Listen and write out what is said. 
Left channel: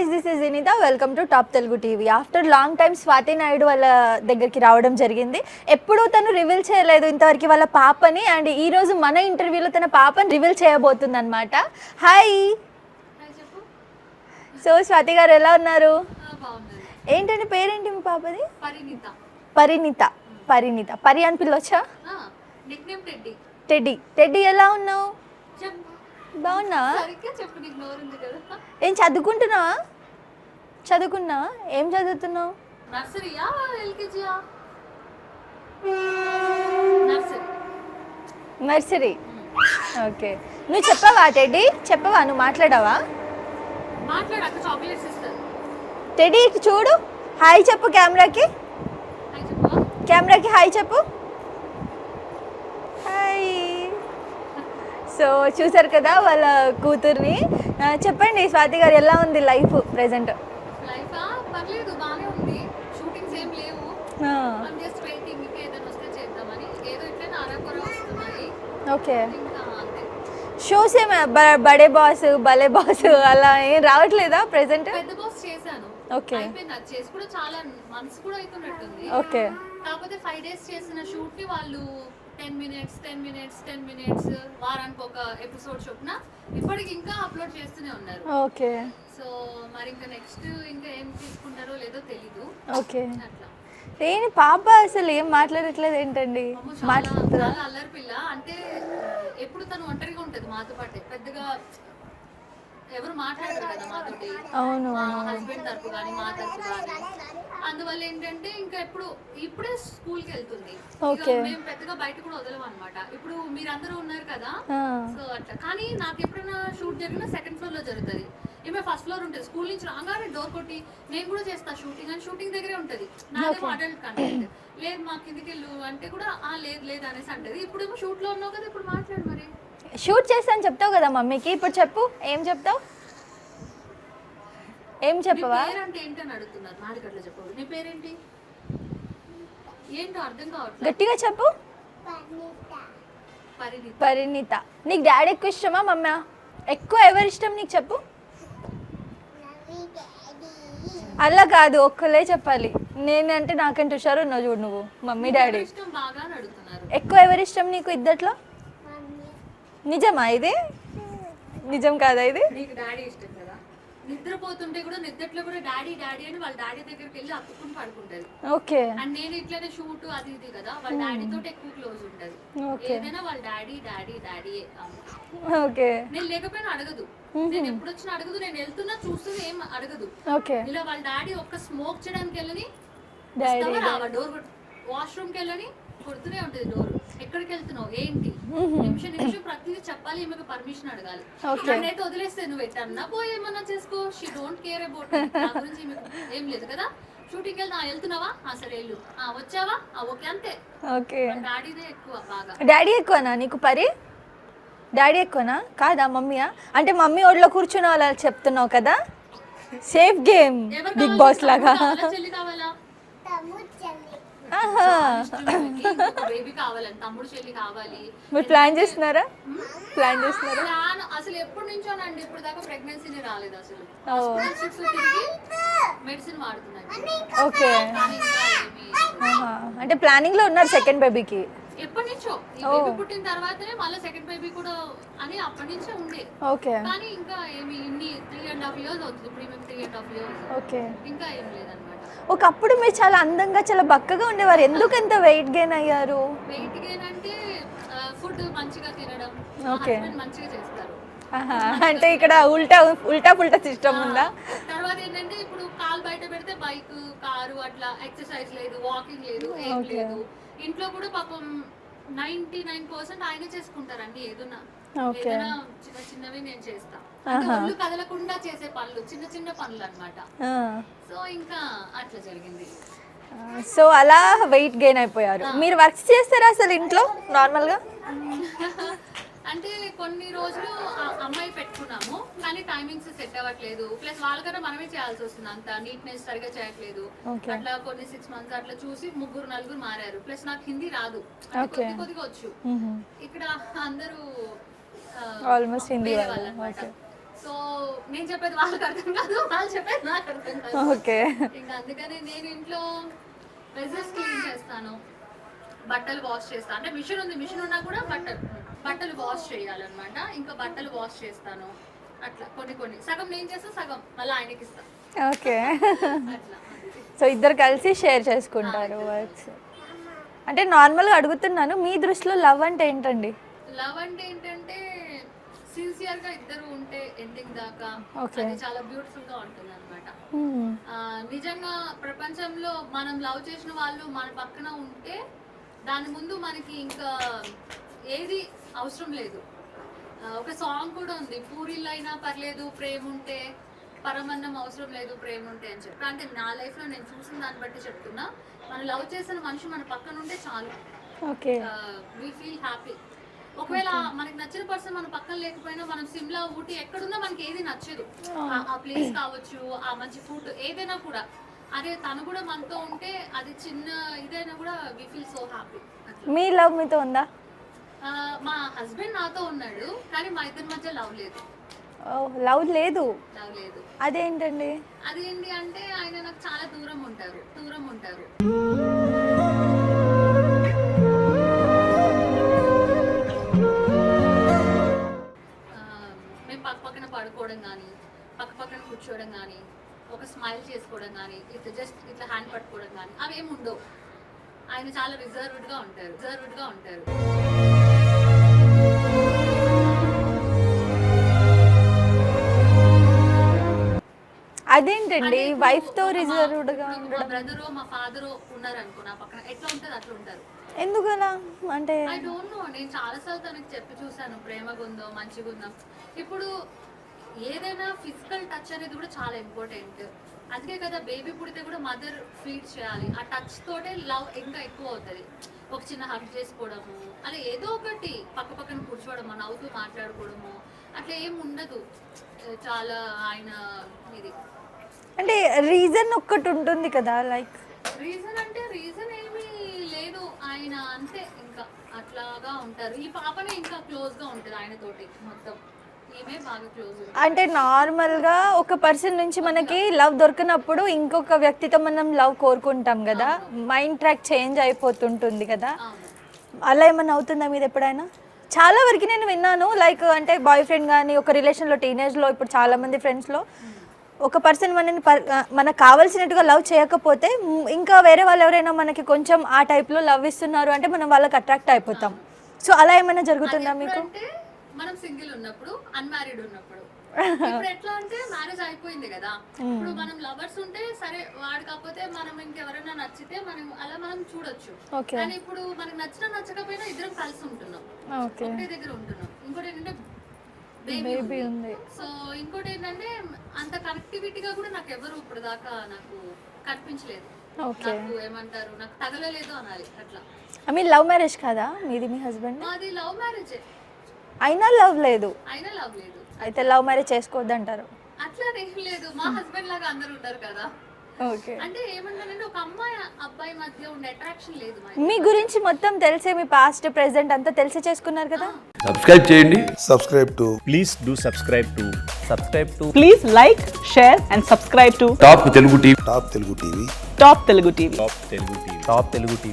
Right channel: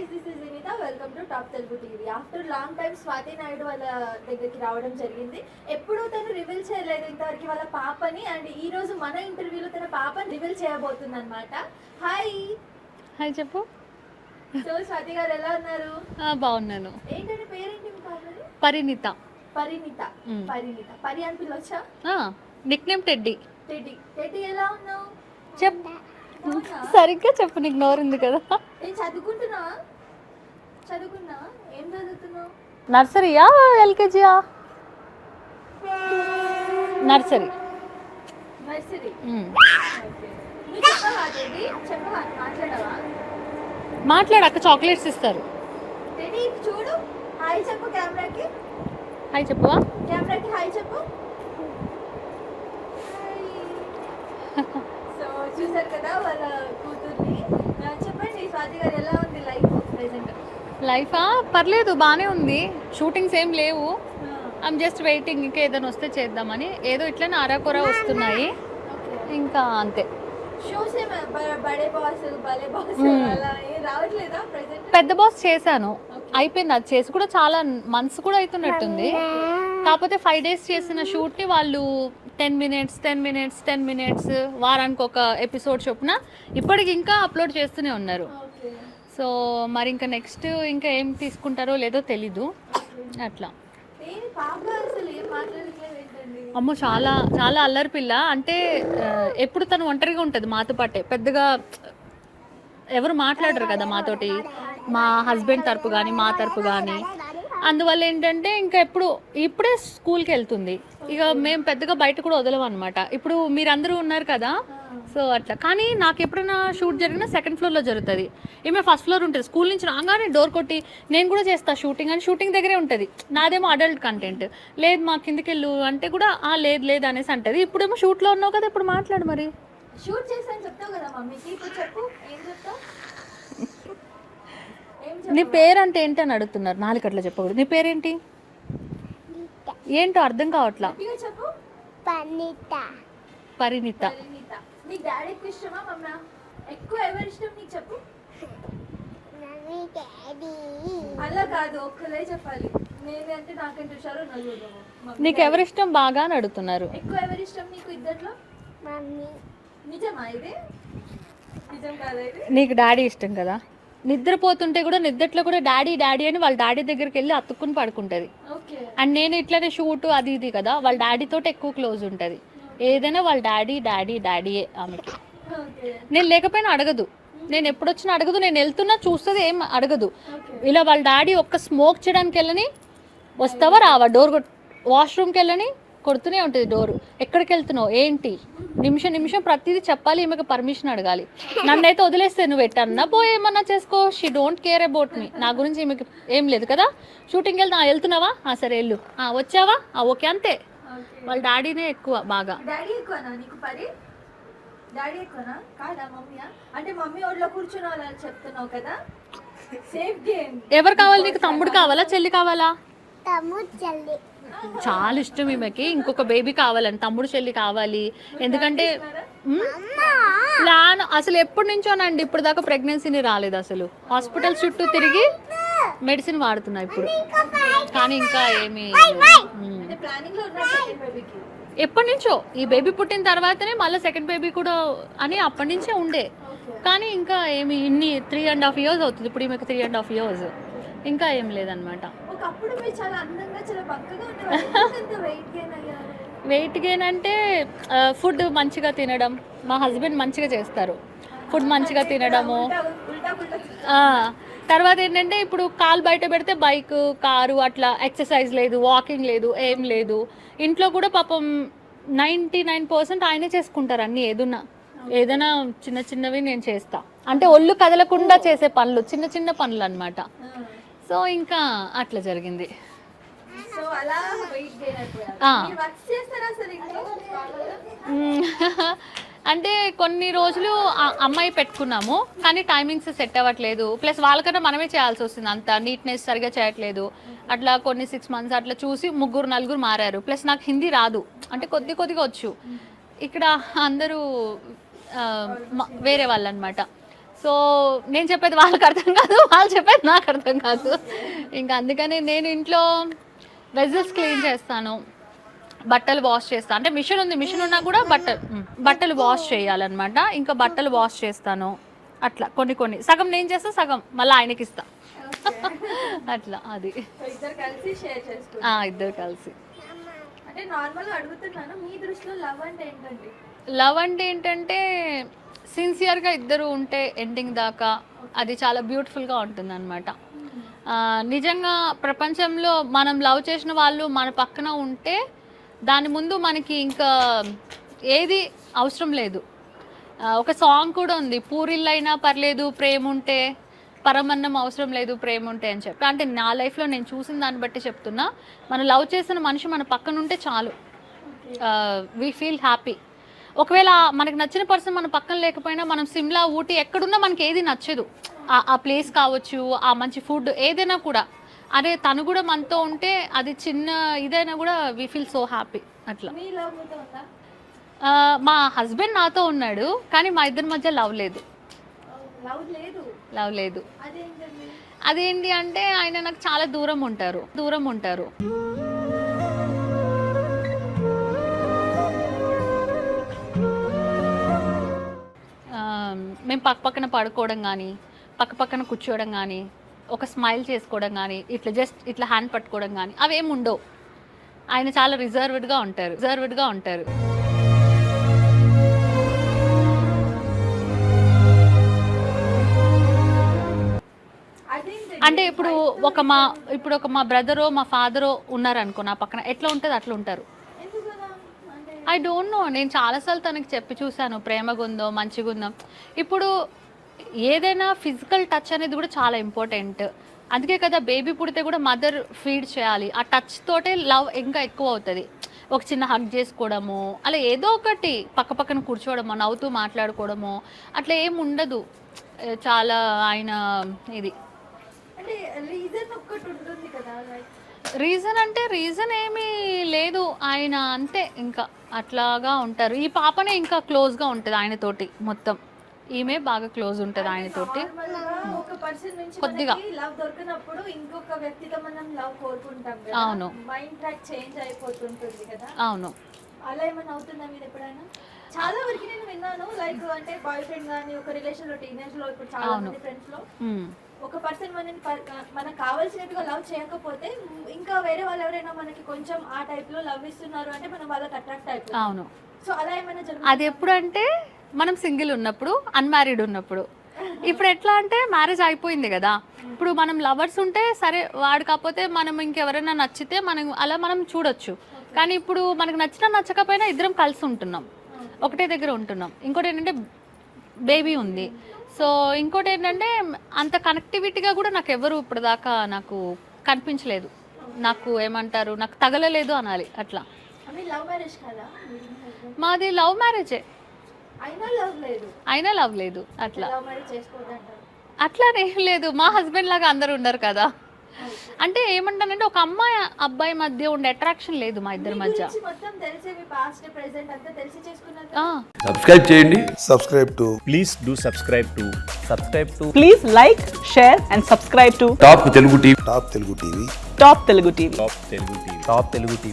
Guys, this is Vineetha. Welcome to top Telugu TV. After long time Swathi Naidu వాళ్ళ దగ్గరికి రావడం జరిగింది. ఎప్పుడూ తను రివీల్ చేయలేదు ఇంతవరకు వాళ్ళ పాపని. అండ్ ఈ రోజు మన ఇంటర్వ్యూలో తన పాపని రివీల్ చేయబోతుంది అనమాట. హాయ్ హాయ్ చెప్పు. సో స్వాతి గారు ఎలా ఉన్నారు? బాగున్నాను. ఏంటండి పేరేంటి మీ పాపది? పరిణిత. పరిణిత. పరిణిత. పరి అని పిల్లొచ్చా? Nickname Teddy. Teddy. Teddy ఎలా ఉన్నావు? చెప్పు. బాగున్నా? సరిగ్గా చెప్పు, నీకు నోరు ఉంది కదా. ఏం చదువుకుంటున్నావా? చదువుకున్నావా? ఏం చదువుతున్నావు? నర్సరీయా ఎల్కేజీయా? నర్సరీ. నర్సరీ. ఓకే. నువ్వు చెప్పవా టెడ్డీ? చెప్పవా? నువ్వు మాట్లాడావా? మాట్లాడాక చాక్లెట్స్ ఇస్తారు. టెడ్డీ చూడు, హాయ్ చెప్పు కెమెరాకి. హాయ్ చెప్పవా? కెమెరాకి హాయ్ చెప్పు. హాయ్. సో చూసారు కదా వాళ్ళ కూతుర్ని. చెప్పండి స్వాతి గారు, ఎలా ఉంది లైఫ్ ప్రెసెంట్? లైఫా పర్లేదు, బాగానే ఉంది. షూటింగ్స్ ఏం లేవు. ఐమ్ జస్ట్ వెయిటింగ్, ఇంకా ఏదైనా వస్తే చేద్దామని. ఏదో ఇట్లనే అరాకొర వస్తున్నాయి. ఓకే, ఇంకా అంతే. షోస్ ఏమే బడే బాస్, భలే బాస్ అలా ఏం రావట్లేదా ప్రెసెంట్? పెద్ద బాస్ చేశాను, అయిపోయింది. అది చేసి కూడా చాలా మంత్స్ కూడా అవుతున్నట్టుంది. కాకపోతే 5 days చేసిన షూట్ ని వాళ్ళు 10 minutes వారానికి ఒక ఎపిసోడ్ చొప్పున ఇప్పటికి ఇంకా అప్లోడ్ చేస్తూనే ఉన్నారు. ఓకే. సో మరి ఇంకా నెక్స్ట్ ఇంకా ఏం తీసుకుంటారో లేదో తెలీదు. ఓకే, అట్లా. నేను పాప అసలు ఏం మాట్లాడట్లేదు ఏంటండి? అమ్మో, చాలా చాలా అల్లరి పిల్ల. అంటే ఎప్పుడు తను ఒంటరిగా ఉంటది మాతో పాటే. పెద్దగా ఎవరు మాట్లాడరు కదా మాతోటి, మా హస్బెండ్ తరపు కానీ మా తరపు కానీ. అందువల్ల ఏంటంటే ఇంకా ఇప్పుడే స్కూల్కి వెళ్తుంది. ఇక మేము పెద్దగా బయట కూడా వదలం అనమాట. ఇప్పుడు మీరందరూ ఉన్నారు కదా, సో అట్లా. కానీ నాకు ఎప్పుడైనా షూట్ జరిగినా 2nd floor లో జరుగుతుంది. ఈమె 1st floor ఉంటుంది. స్కూల్ నుంచి రాగానే డోర్ కొట్టి నేను కూడా చేస్తా షూటింగ్ అని, షూటింగ్ దగ్గరే ఉంటుంది. నాదేమో అడల్ట్ కంటెంట్. లేదు మా కిందికి వెళ్ళు అంటే కూడా లేదు అనేసి అంటది. ఇప్పుడేమో షూట్లో ఉన్నావు కదా, ఇప్పుడు మాట్లాడు. మరి షూట్ చేస్తాను చెప్తావు కదా మమ్మీకి, ఇప్పుడు చెప్పు ఏం చెప్తావు? నీ పేరంటే ఏంటి అని అడుగుతున్నారు. 4 గంటల చెప్పకూడదు. నీ పేరేంటి? ఏంటో అర్థం కావట్లేదు. గట్టిగా చెప్పు. పరిణిత. పరిణిత. నీకు డాడీ ఎక్కువ ఇష్టమా మమ్మీ ఎక్కువ? ఎవరు ఇష్టం నీకు చెప్పు? అలా కాదు, ఒక్కలే చెప్పాలి. నేనంటే నాకంటే హుషారు ఉన్నావు చూడు నువ్వు. మమ్మీ నీకు ఎవరు ఇష్టం బాగా అని అడుగుతున్నారు. ఎక్కువ ఎవరు ఇష్టం నీకు ఇద్దట్లో? నిజమా ఇది? నిజం కాదా ఇది? నీకు డాడీ ఇష్టం కదా. నిద్రపోతుంటే కూడా నిద్రలో కూడా డాడీ అని వాళ్ళ డాడీ దగ్గరికి వెళ్ళి అతుక్కుని పడుకుంటది. ఓకే. అండ్ నేను ఇట్లానే షూట్ అది ఇది కదా, వాళ్ళ డాడీ తోటి ఎక్కువ క్లోజ్ ఉంటది. ఏదైనా వాళ్ళ డాడీయే ఆమెకి. ఓకే. నేను లేకపోయినా అడగదు, నేను ఎప్పుడు వచ్చినా అడగదు, నేను వెళ్తున్నా చూస్తుంది, ఏం అడగదు. ఇలా వాళ్ళ డాడీ ఒక్క స్మోక్ చేయడానికి వెళ్ళని వస్తావా రావా, డోర్ వాష్రూమ్కి వెళ్ళని కొడుతూనే ఉంటుంది డోర్. ఎక్కడికి వెళ్తున్నావు ఏంటి, నిమిషం ప్రతిదీ చెప్పాలి. ఈమెకు పర్మిషన్ అడగాలి. నన్నైతే వదిలేస్తే నువ్వు ఎట్టన్నా పోయి ఏమన్నా చేసుకో, she don't care about me. నా గురించి ఈమెకు ఏం లేదు కదా. షూటింగ్ వెళ్తున్నావా, సరే వెళ్ళు. వచ్చావా, ఓకే, అంతే. వాళ్ళ డాడీనే ఎక్కువ బాగా. డాడీ ఎక్కువనా నీకు? పరి డాడీ ఎక్కువనా కాదా మమ్మీయా? అంటే మమ్మీ ఒళ్ళో కూర్చున్న వాళ్ళ చెప్తున్నావు కదా. Safe game. ఎవరు కావాలి? తమ్ముడు కావాలా చెల్లి కావాలా? చాలా ఇష్టం ఈమెకి. ఇంకొక బేబీ కావాలని, తమ్ముడు చెల్లి కావాలి. ప్లాన్ అసలు ఎప్పటి నుంచోనండి, ఇప్పుడు దాకా ప్రెగ్నెన్సీని రాలేదు. అసలు హాస్పిటల్ చుట్టూ తిరిగి మెడిసిన్ వాడుతున్నా ఇప్పుడు. కానీ ఇంకా ఏమి అంటే ప్లానింగ్ లో ఉన్నారు సెకండ్ బేబీకి. ఎప్పటి నుంచో ఈ బేబీ పుట్టిన తర్వాతనే మళ్ళీ సెకండ్ బేబీ కూడా అని అప్పటి నుంచే ఉండే. కానీ ఇంకా ఏమి 3.5 years అవుతుంది ఇప్పుడు ఈమెకు. 3.5 years ఇంకా ఏం లేదనమాట. ఒకప్పుడు మీరు చాలా అందంగా చాలా బక్కగా ఉండేవారు, ఎందుకంత వెయిట్ గెయిన్ అయ్యారు? వెయిట్ గెయిన్ అంటే ఫుడ్ మంచిగా తినడం. మా హస్బెండ్ మంచిగా చేస్తారు ఫుడ్, మంచిగా తినడం. తర్వాత ఏంటంటే ఇప్పుడు కాలు బయట పెడితే బైక్ కారు అట్లా, ఎక్సర్సైజ్ లేదు, వాకింగ్ లేదు, ఏం లేదు. ఇంట్లో కూడా పాపం 99% ఆయనే చేసుకుంటారు అన్ని. ఏదైనా చిన్నవి నేను చేస్తా. అంటే ఒళ్ళు కదలకుండా చేసే పనులు, చిన్న పనులు అన్నమాట. సో ఇంకా అట్లా జరిగింది. సో అలా వెయిట్ గెయిన్ అయిపోయారు. మీరు వర్క్స్ చేస్తారా అసలు ఇంట్లో నార్మల్ గా? అంటే కొన్ని రోజులు అమ్మాయి పెట్టుకున్నాము, కానీ టైమింగ్స్ సెట్ అవ్వట్లేదు. ప్లస్ వాళ్ళకన్నా మనమే చేయాల్సి వస్తుంది, అంత నీట్నెస్ సరిగా చేయట్లేదు. అట్లా కొన్ని 6 months అట్లా చూసి 3-4 మారారు. ప్లస్ నాకు హిందీ రాదు, అంటే కొద్దిగా వచ్చు. ఇక్కడ అందరూ వేరే వాళ్ళు అనమాట. సో నేను చెప్పేది వాళ్ళకి అర్థం కాదు, వాళ్ళు చెప్పేది నాకు అర్థం కాదు. ఓకే. ఇంకా అందుకని నేను ఇంట్లో వెజల్స్ క్లీన్ చేస్తాను, బట్టలు వాష్ చేస్తాను. అంటే మిషన్ ఉంది, మిషన్ ఉన్నా కూడా బట్టలు వాష్ చేయాలన్నమాట. ఇంకా బట్టలు వాష్ చేస్తాను. అట్లా కొన్ని సగం నేను చేస్తా, సగం మళ్ళీ ఆయనకి ఇస్తా. ఓకే. అట్లా అది. సో ఇద్దరు కలిసి షేర్ చేసుకుంటారు. ఇద్దరు కలిసి. అంటే నార్మల్గా అడుగుతున్నాను, మీ దృష్టిలో లవ్ అంటే ఏంటండి? లవ్ అంటే ఏంటంటే సిన్సియర్గా ఇద్దరు ఉంటే ఎండింగ్ దాకా అది చాలా బ్యూటిఫుల్గా ఉంటుంది అనమాట. నిజంగా ప్రపంచంలో మనం లవ్ చేసిన వాళ్ళు మన పక్కన ఉంటే దాని ముందు మనకి ఇంకా ఏది అవసరం లేదు. ఒక సాంగ్ కూడా ఉంది, పూరిల్లైనా పర్లేదు ప్రేమ ఉంటే, పరమన్నం అవసరం లేదు ప్రేమ ఉంటే అని చెప్పి. అంటే నా లైఫ్లో నేను చూసిన దాన్ని బట్టి చెప్తున్నా, మనం లవ్ చేసిన మనిషి మన పక్కన ఉంటే చాలు, ఓకే, వీ ఫీల్ హ్యాపీ. ఒకవేళ మనకి నచ్చిన పర్సన్ మన పక్కన లేకపోయినా, మనం సిమ్లా ఊటీ ఎక్కడున్నా మనకి ఏది నచ్చదు, ఆ ప్లేస్ కావచ్చు, ఆ మంచి ఫుడ్ ఏదైనా కూడా, అదే తను కూడా మనతో ఉంటే అది చిన్న ఇదైనా కూడా వీ ఫీల్ సో హ్యాపీ. అట్లా. మీ లవ్ మీతో ఉందా? మా హస్బెండ్ నాతో ఉన్నాడు, కానీ మా ఇద్దరి మధ్య లవ్ లేదు. లవ్ లేదు? లవ్ లేదు. అదేంటండి? అదేంటి అంటే ఆయన నాకు చాలా దూరం ఉంటారు. మేము పక్కన పడుకోవడం కానీ, పక్కన కూర్చోవడం కానీ, ఒక స్మైల్ చేసుకోవడం కానీ, ఇట్లా హ్యాండ్ పట్టుకోవడం కానీ అవేమి ఉండవు. ఆయన చాలా రిజర్వ్డ్గా ఉంటారు. అదేంటండి? అంటే ఇప్పుడు ఒక మా బ్రదరో మా ఫాదరో ఉన్నారనుకో నా పక్కన, ఎట్లా ఉంటుంది అట్లా ఉంటారు. ఎందుకలా అంటే ఐ డోంట్ నో. నేను చాలాసార్లు తనకి చెప్పి చూశాను, ప్రేమగా ఉందో మంచిగా ఉందో. ఇప్పుడు ఏదైనా ఫిజికల్ టచ్ అనేది కూడా చాలా ఇంపార్టెంట్. అందుకే కదా బేబీ పుడితే కూడా మదర్ ఫీడ్ చేయాలి. ఆ టచ్ తోటే లవ్ ఇంకా ఎక్కువ అవుతుంది. ఒక చిన్న హగ్ చేసుకోవడము, అలా ఏదో ఒకటి పక్కన కూర్చోవడము, నవ్వుతూ మాట్లాడుకోవడము, అట్లా ఏం ఉండదు. చాలా ఆయన ఇది అంటే రీజన్ ఒక్కటి ఉంటుంది కదా, లైక్ రీజన్ ఏమీ లేదు. ఆయన అంతే, ఇంకా అట్లాగా ఉంటారు. ఈ పాపనే ఇంకా క్లోజ్గా ఉంటుంది ఆయనతోటి మొత్తం. ఈమె బాగా క్లోజ్ ఉంటుంది. అంటే నార్మల్ గా ఒక పర్సన్ నుంచి మనకి లవ్ దొరికినప్పుడు ఇంకొక వ్యక్తితో మనం లవ్ కోరుకుంటాం కదా, మైండ్ ట్రాక్ చేంజ్ అయిపోతుంటుంది కదా. అవును. అలా ఏమన్నా అవుతుందా మీరు ఎప్పుడైనా? చాలా వరకు నేను విన్నాను, లైక్ అంటే బాయ్ ఫ్రెండ్ కానీ ఒక రిలేషన్ లో, టీనేజ్ లో, ఇప్పుడు చాలా మంది ఫ్రెండ్స్ లో ఒక పర్సన్ మనకు కావాల్సినట్టుగా లవ్ చేయకపోతే ఇంకా వేరే వాళ్ళు ఎవరైనా మనకి కొంచెం ఆ టైప్ లో లవ్ ఇస్తున్నారు అంటే మనం వాళ్ళకి అట్రాక్ట్ అయిపోతాం. సో అలా ఏమైనా జరుగుతుంది? ఎప్పుడు అంటే మనం సింగిల్ ఉన్నప్పుడు, అన్మ్యారీడ్ ఉన్నప్పుడు. ఇప్పుడు ఎట్లా అంటే మ్యారేజ్ అయిపోయింది కదా, ఇప్పుడు మనం లవర్స్ ఉంటే సరే, వాడు కాకపోతే మనం ఇంకెవరైనా నచ్చితే మనం చూడొచ్చు. కానీ ఇప్పుడు మనకు నచ్చకపోయినా ఇద్దరం కలిసి ఉంటున్నాం, ఒకటే దగ్గర ఉంటున్నాం. ఇంకోటి ఏంటంటే బేబీ ఉంది. సో ఇంకోటి ఏంటంటే అంత కనెక్టివిటీగా కూడా నాకు ఎవరు ఇప్పుడు దాకా నాకు కనిపించలేదు. నాకు ఏమంటారు, నాకు తగలలేదు అనాలి. అట్లా. మీ లవ్ మ్యారేజ్ కదా మీది? మీ హస్బెండ్? మాది లవ్ మ్యారేజే. అయినా లవ్ లేదు? అయితే లవ్ మ్యారేజ్ చేసుకోవద్దు అంటారు? అట్లానేం లేదు, మా హస్బెండ్ లాగా అందరు ఉండరు కదా. అంటే ఏమంటానంటే ఒక అమ్మాయి అబ్బాయి మధ్య ఉండే అట్రాక్షన్ లేదు. మీ గురించి మొత్తం తెలిసే, మీ పాస్ట్ ప్రెసెంట్ అంతా తెలిసి చేసుకున్నారు కదా. సబ్స్క్రైబ్ చేయండి. Please do subscribe to. Please like, share and subscribe to top Telugu TV. Top Telugu TV. Top Telugu TV.